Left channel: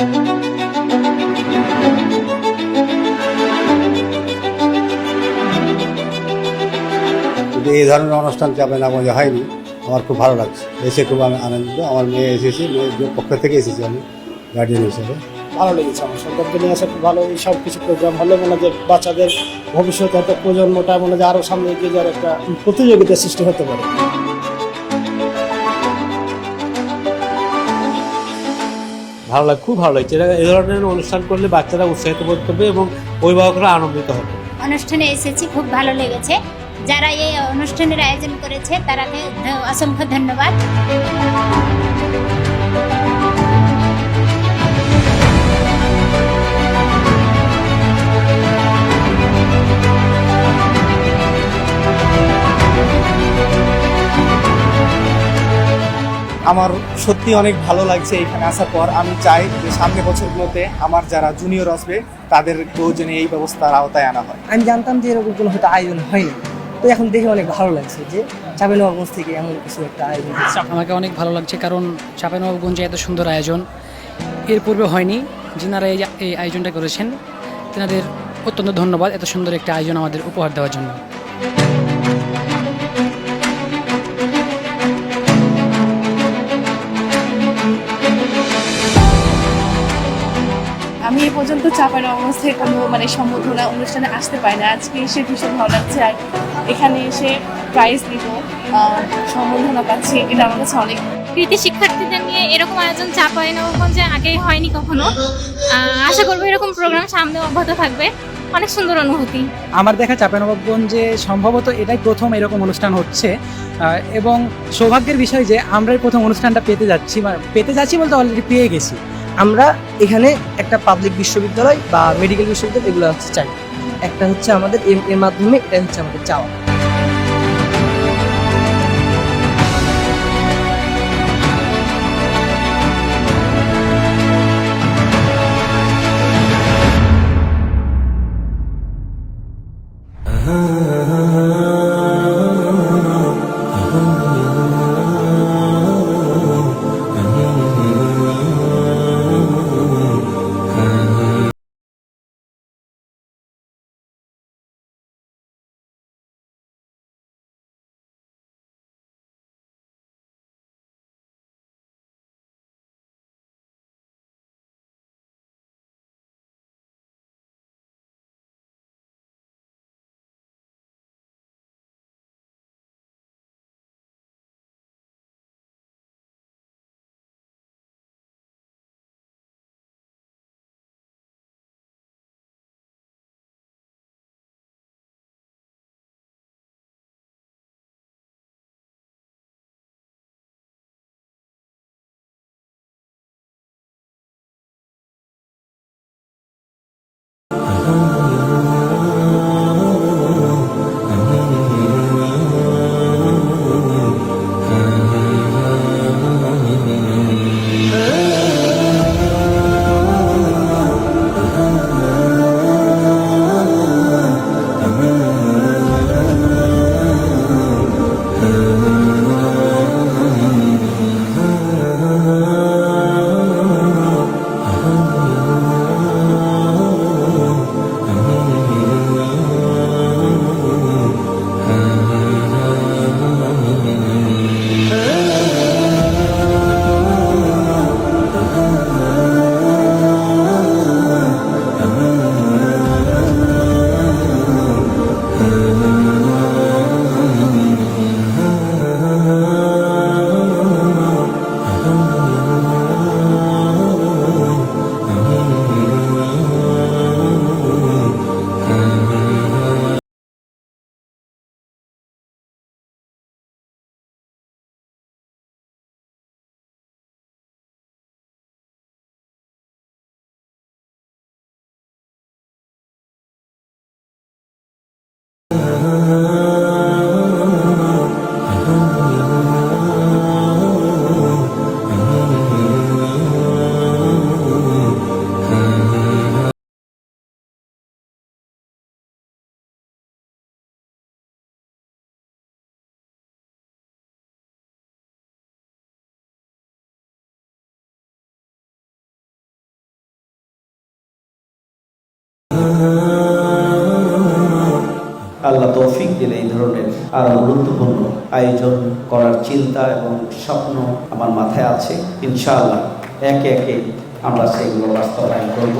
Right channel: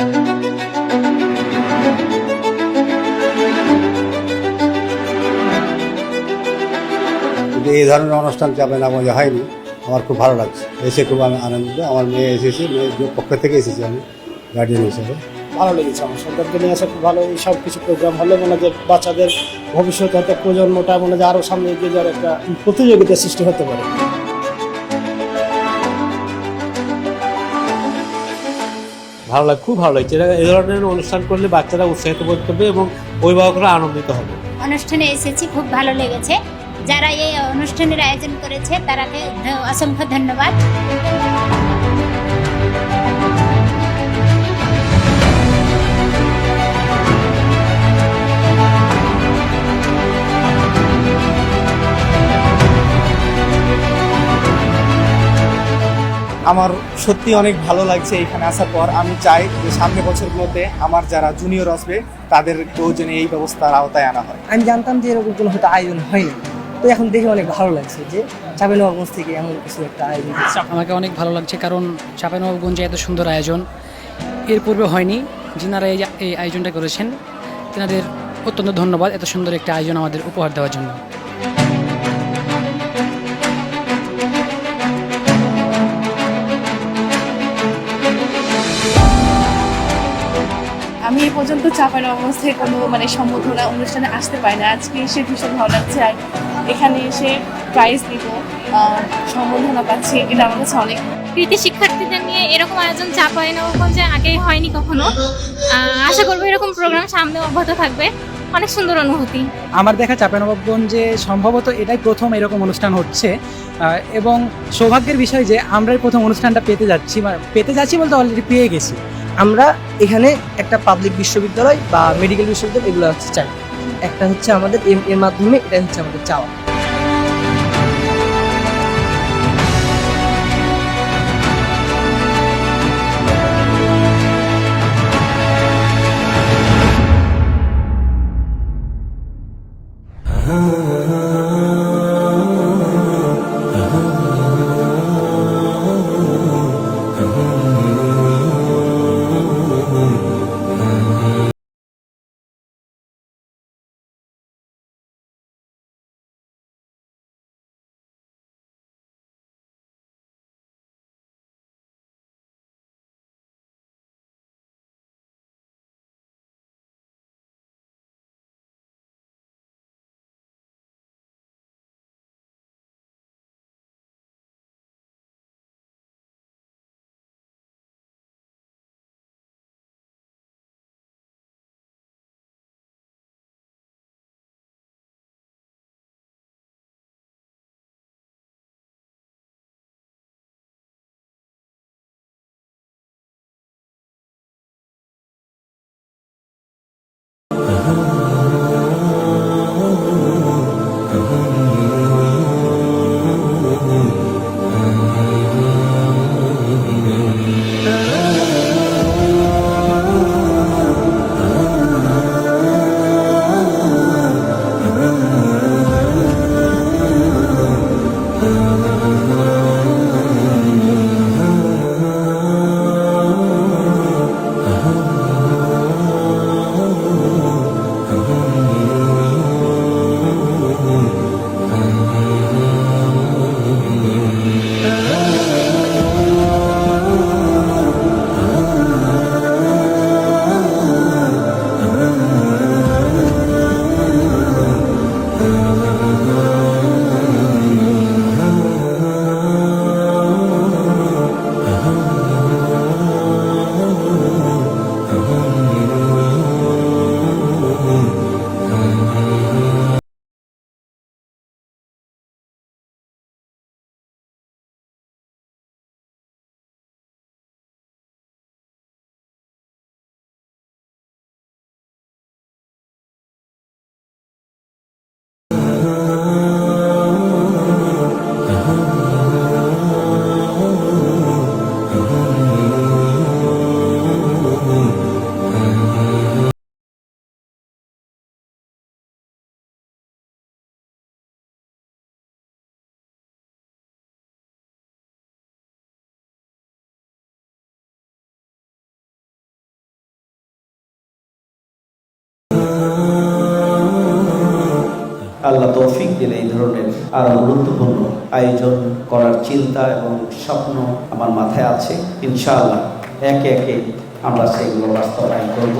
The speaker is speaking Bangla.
কিন্তু এই ধরনের অনুষ্ঠান চাপেনাগঞ্জে হয়নি। আমার খুব ভালো লাগছে। এসে খুব আমি আনন্দিত। আমার মেয়ে এসেছে মেয়ের পক্ষ থেকে এসেছি আমি গার্ডিয়ান হিসেবে। ভালো লেগেছে আমার। সন্তানকে নিয়ে আসা খুব ভালো। এই সব কিছু প্রোগ্রাম হলে মনে যে বাচ্চাদের ভবিষ্যতে হয়তো প্রজন্মটা মনে যে আরও সামনে এগিয়ে যাওয়ার একটা প্রতিযোগিতা সৃষ্টি হতে পারে। ভালো লাগে, খুব ভালো লাগছে। এ এই ধরনের অনুষ্ঠান করলে বাচ্চারা উৎসাহিত বোধ করবে এবং অভিভাবকরা আনন্দিত হবে। অনুষ্ঠানে এসেছি, খুব ভালো লেগেছে। যারা এই অনুষ্ঠানের আয়োজন করেছে, তারাকে অসংখ্য ধন্যবাদ। আমার সত্যি অনেক ভালো লাগছে এখানে আসার পর। আমি চাই যে সামনে বছরগুলোতে আমার যারা জুনিয়র আসবে তাদের প্রয়োজনে এই ব্যবস্থার আওতায় আনা হয়। আমি জানতাম যে এরকম কোনো হয়তো আয়োজন হয়নি তো এখন দেখে অনেক ভালো লাগছে যে চাঁপাইনবাবগঞ্জ থেকে এমন কিছু একটা আয়োজন আমাকে অনেক ভালো লাগছে কারণ চাঁপাইনবাবগঞ্জে এত সুন্দর আয়োজন। এর পূর্বে হয়নি যিনারা এই এই আয়োজনটা করেছেন তেনাদের অত্যন্ত ধন্যবাদ এত সুন্দর একটা আয়োজন আমাদের উপহার দেওয়ার জন্য। আমি এ পর্যন্ত চাপানো অবস্থায় কোনো মানে সম্বোধনা অনুষ্ঠানে আসতে পারি না। আজকে এসে ভীষণ ভালো লাগছে আর এখানে এসে প্রাইজ দিব সম্বোধনা পাচ্ছি এটা আমার কাছে অনেক কৃতি শিক্ষার্থীদের নিয়ে এরকম আয়োজন চাপাই নবগঞ্জে আগে হয়নি কখনো। আশা করব এরকম প্রোগ্রাম সামনে অব্যাহত থাকবে। অনেক সুন্দর অনুভূতি। আমার দেখা চাঁপাইনবাবগঞ্জে সম্ভবত এটাই প্রথম এরকম অনুষ্ঠান হচ্ছে। এবং সৌভাগ্যের বিষয় যে আমরাই প্রথম অনুষ্ঠানটা পেতে যাচ্ছি বা পেতে যাচ্ছি বলতে অলরেডি পেয়ে গেছি। আমরা এখানে একটা পাবলিক বিশ্ববিদ্যালয় বা মেডিকেল বিশ্ববিদ্যালয় এগুলো হচ্ছে চাই একটা হচ্ছে আমাদের এর মাধ্যমে এটা হচ্ছে আমাদের চাওয়া Uh-huh. Oh, আরও গুরুত্বপূর্ণ আয়োজন করার চিন্তা এবং স্বপ্ন আমার মাথায় আছে। ইনশাআল্লাহ একে একে আমরা সেগুলো বাস্তবায়ন করব।